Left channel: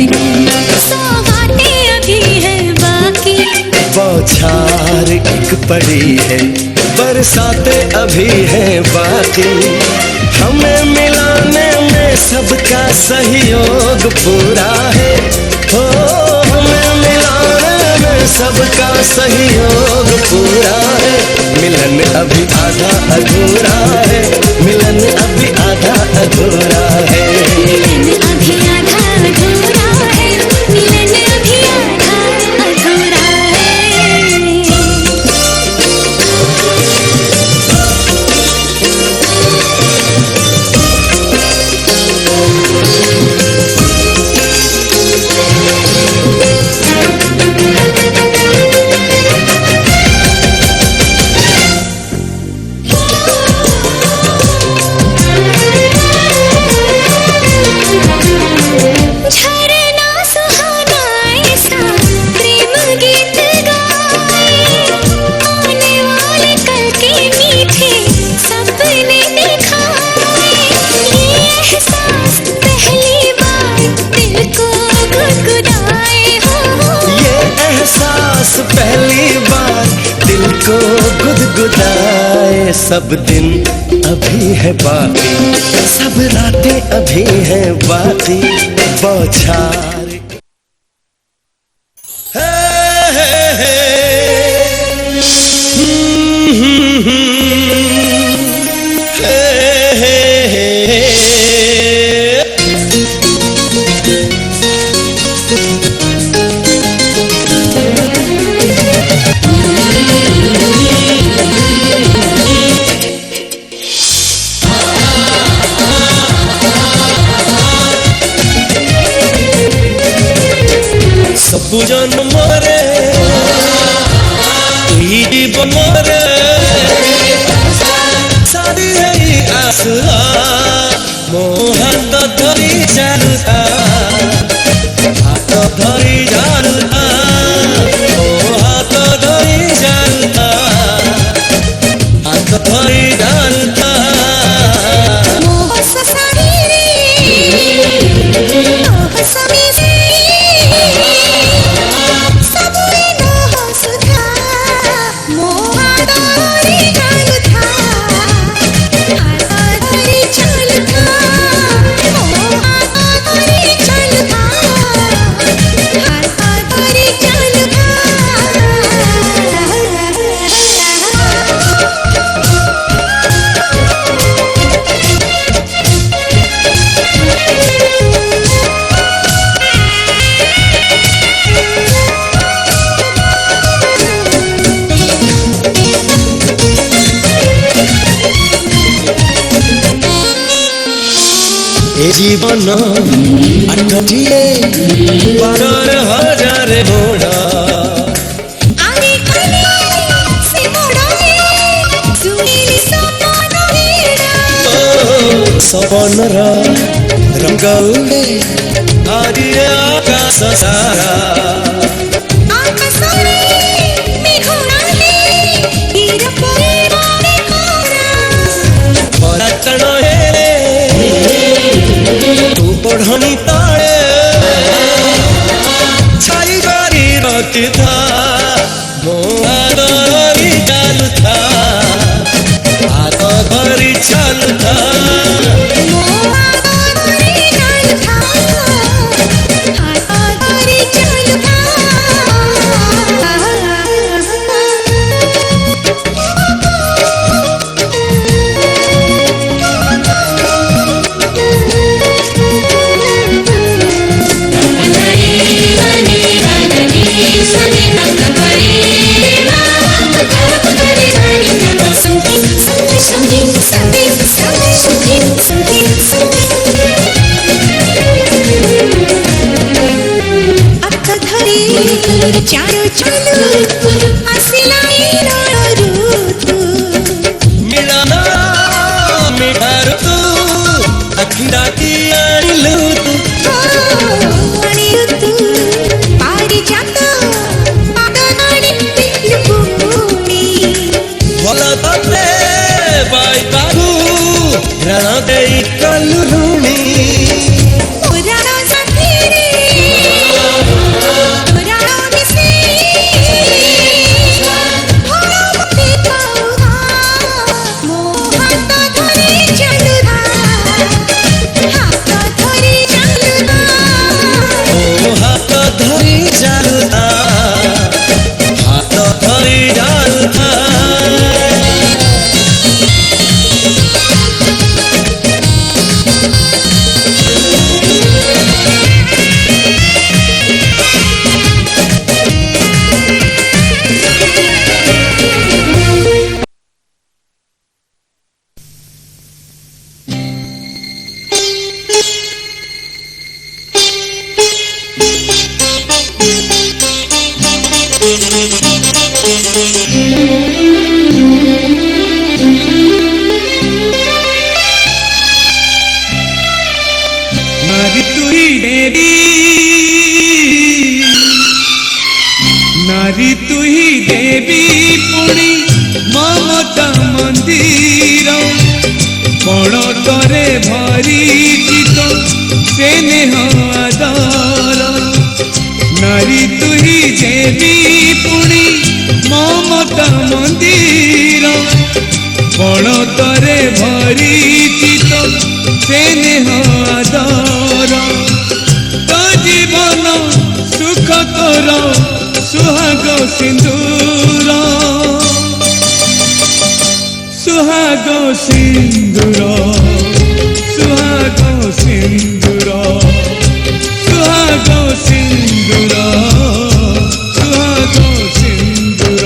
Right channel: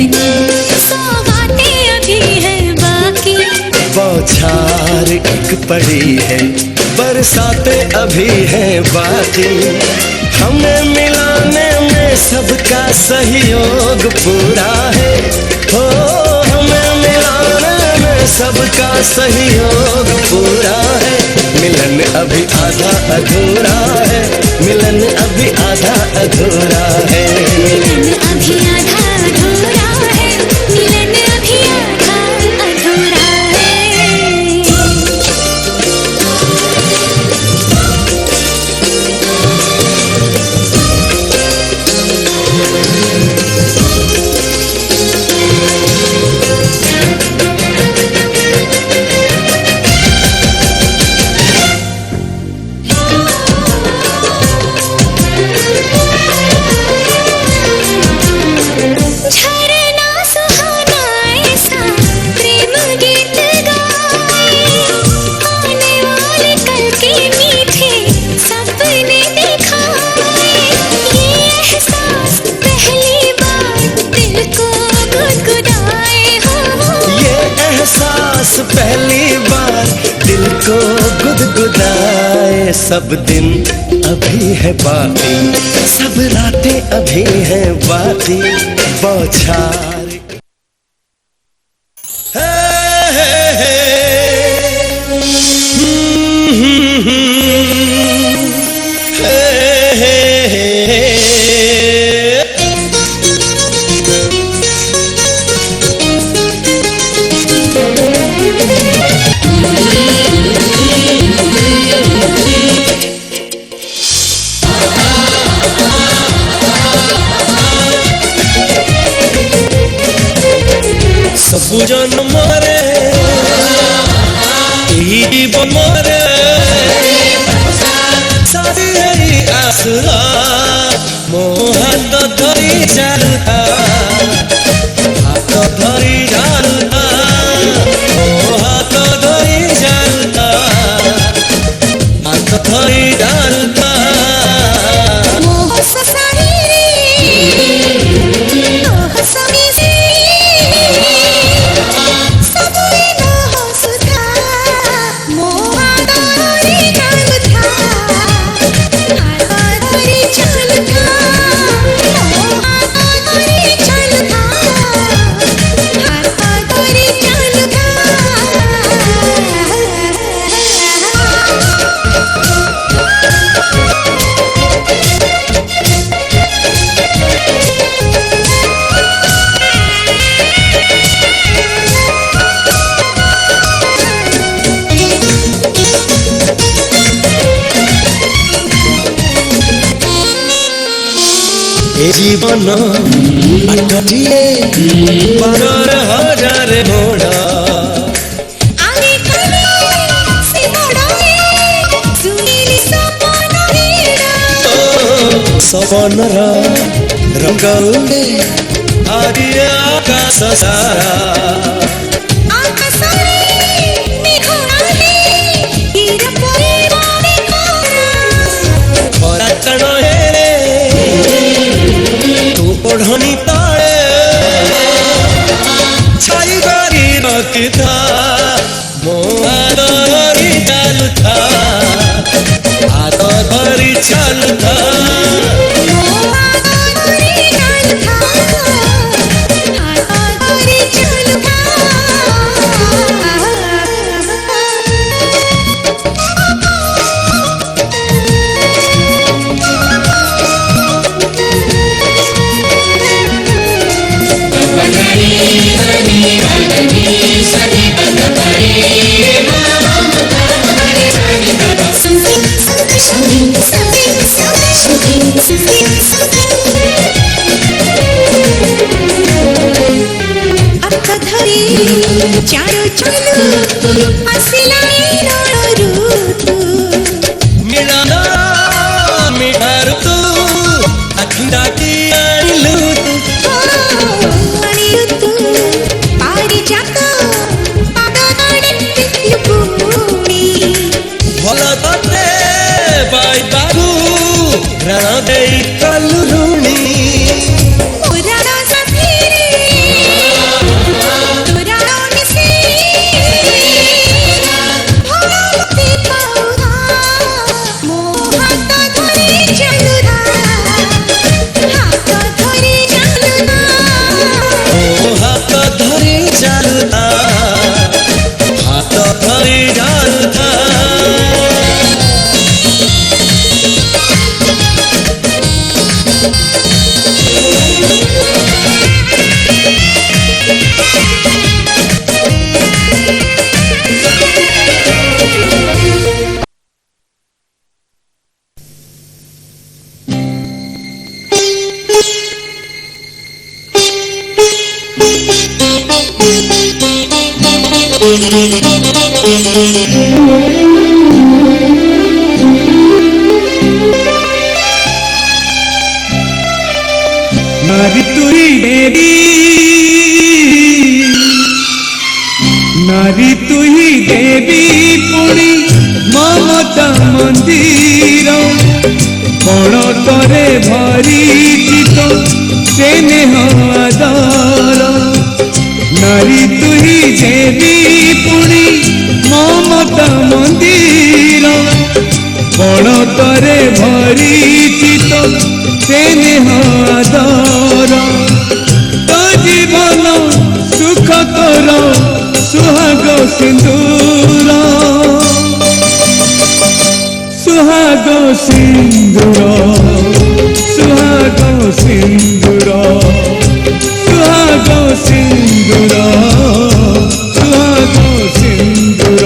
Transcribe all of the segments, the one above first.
दिन सौगातें अभी है बाकी। बौछार एक पड़ी है, बरसातें अभी है बाकी। हमें मिलाने में सबका सहयोग पूरा है, हो हमें मिलाने में सबका सहयोग पूरा है। मिलन अभी आधा अधूरा है, मिलन अभी आधा अधूरा है। मिलन अभी आधा अधूरा है, मिलन अभी आधा अधूरा है। पहली बार दिल को गुदगुदाए। सब दिन अभी है बाकी, सब रातें अभी हैं बाकी। बौछार सबुजन मरे जीवन मरे सारी है आसरा। मो हाथ धरी चालुता, हाथ धरी चालुता, मो हाथ धरी चालुता, हाथ धरी चालुता। जीवन अटटिए बारर हजार मोड़ा। आगे कने से मोड़ाए सुनीली सपन हीरा। ओ सपनर रंग उड़े आज आकाश सारा। आकाशरे मेघनाले हीर परे बारे कोरा। परातन हेले ओढ़नी ताड़े छाई गारी रखी था। मोहारी चालू था, हाथ धरी चालू था। चारो चलो आसिला ऋतु मिलना मिठार तू अखिरा की आनिलु तू अनिलु तू पारी जातो पागनाने लुपुनी भला तते बाई बाबू रण देई कलुरुणी पुराना साथी रे नारी तू ही देवी पुणी ममता मंदिर कण तोरे भरी चित से नारी तू ही देवी पुणी ममता मंदिर कण तोरे भरी चित से तो जीवन सुख तोर सुहाग सिंदूर सुहाग सिंदूर सुहाग सिंदूर सुहाग सिंदूर सुहाग सिंदूर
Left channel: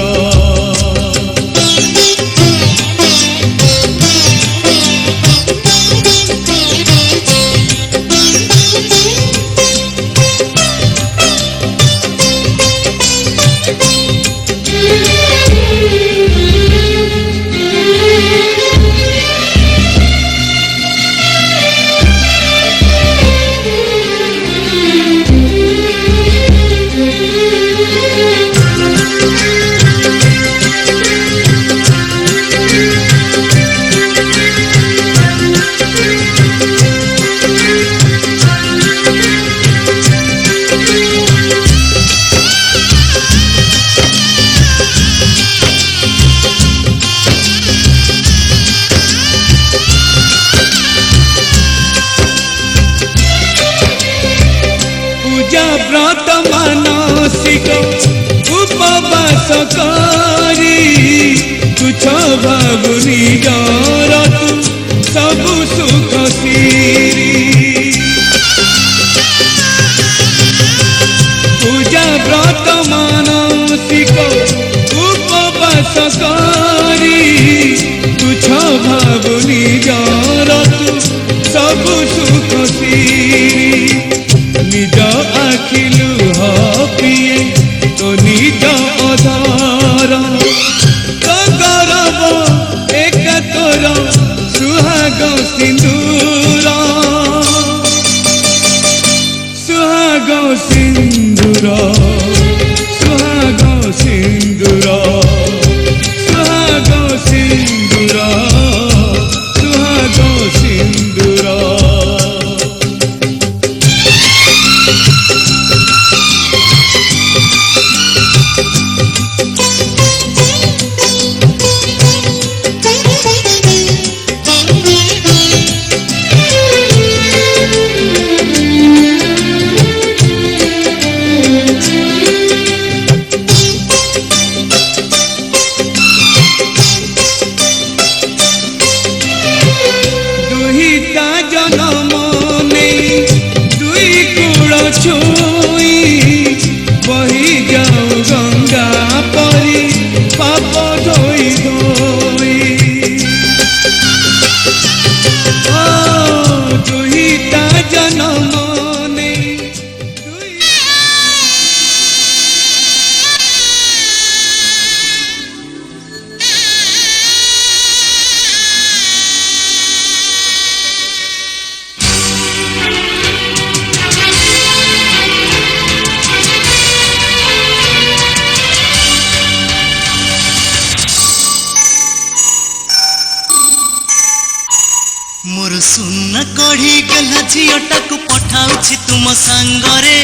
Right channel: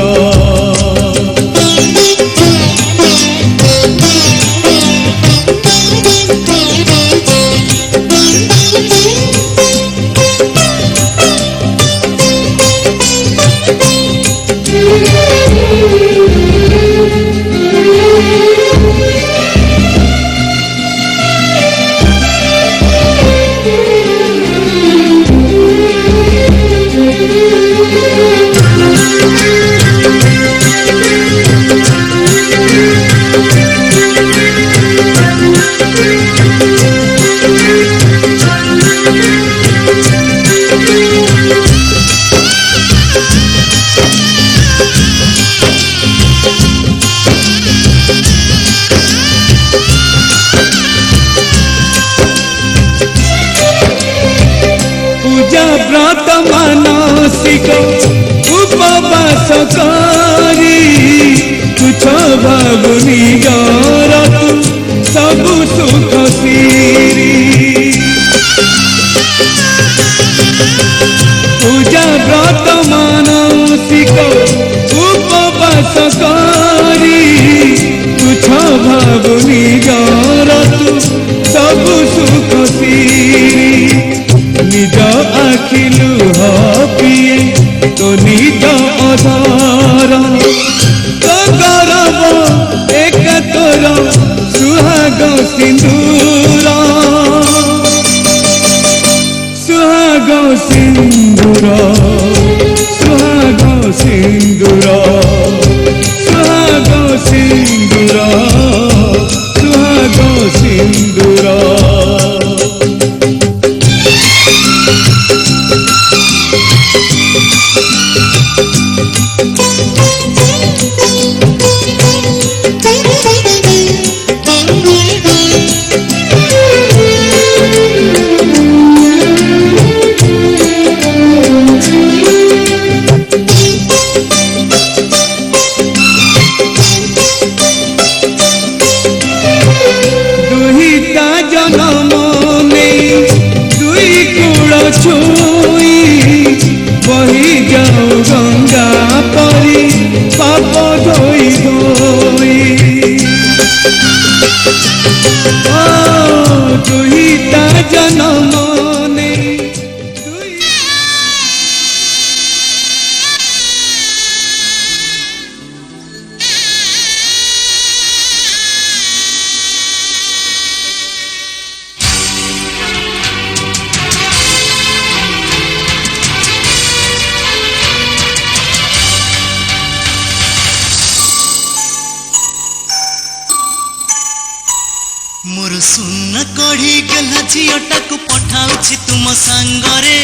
मोर सुन कढ़ी गेला झीटा को पठाउछि तुम सांगरे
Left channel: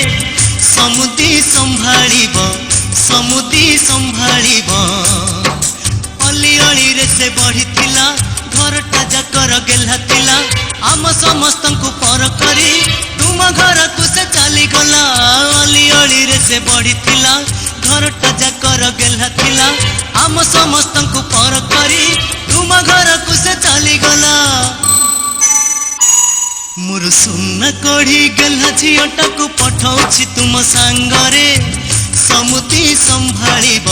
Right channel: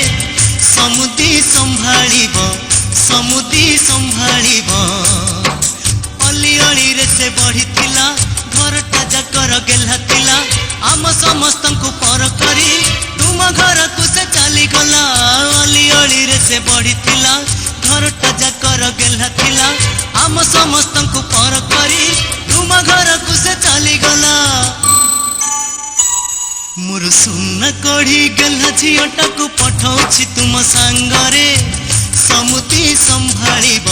समुदी संभाळिब अली अली रे से बढ़ी थिला घरटा जाकर गेला थिला आम समस्त को पर करी तुम घर को से चली गला अली अली रे से बढ़ी थिला घरटा जाकर गेला थिला आम समस्त को पर करी तुम घर को से चली गला मोर सुन कढ़ी गेला झीटा को पठाउछि तुम सांगरे समुदी संभाळिब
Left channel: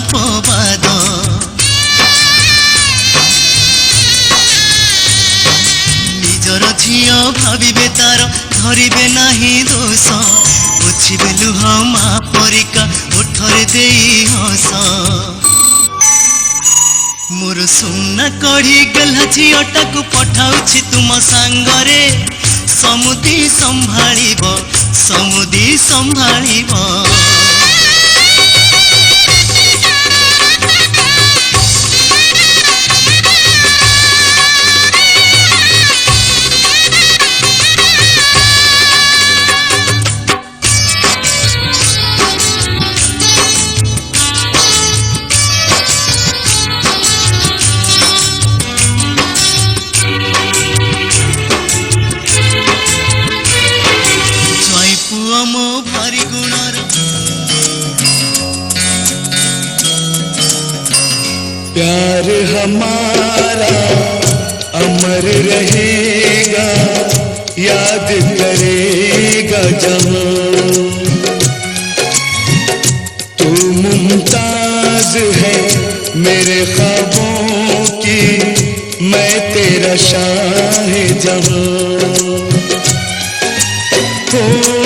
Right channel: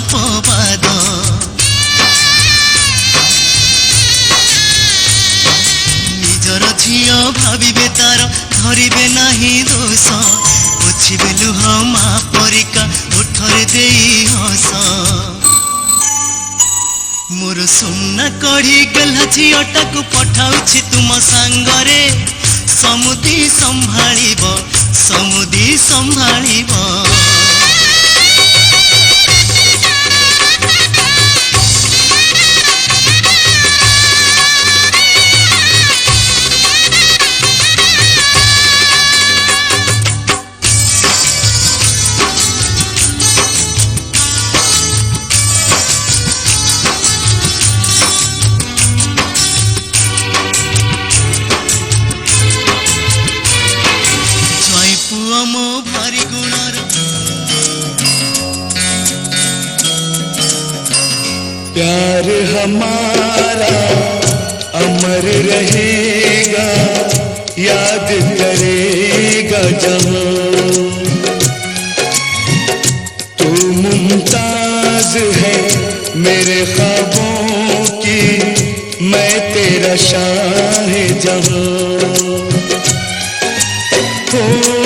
ଅପବାଦ ନିଜର ଝିଅ ଭାବିବେ ତାର ଧରିବେ ନାହିଁ ଦୋଷ ପୋଛିବେ ଲୁହ ମା ପରିକା ଓଠରେ ଦେଇ ହସ ମୋର ସୁନା କଢ଼ି ଗେହ୍ଲା ଝିଅଟାକୁ ପଠାଉଛି ତୁମ ସାଙ୍ଗରେ ସମୁଦି ସମ୍ଭାଳିବ ମୋ ଭାରି ଗୁଣର प्यार हमारा अमर रहेगा याद करेगा जहां तू मुमताज है मेरे ख्वाबों की मैं तेरा शाह जहां हो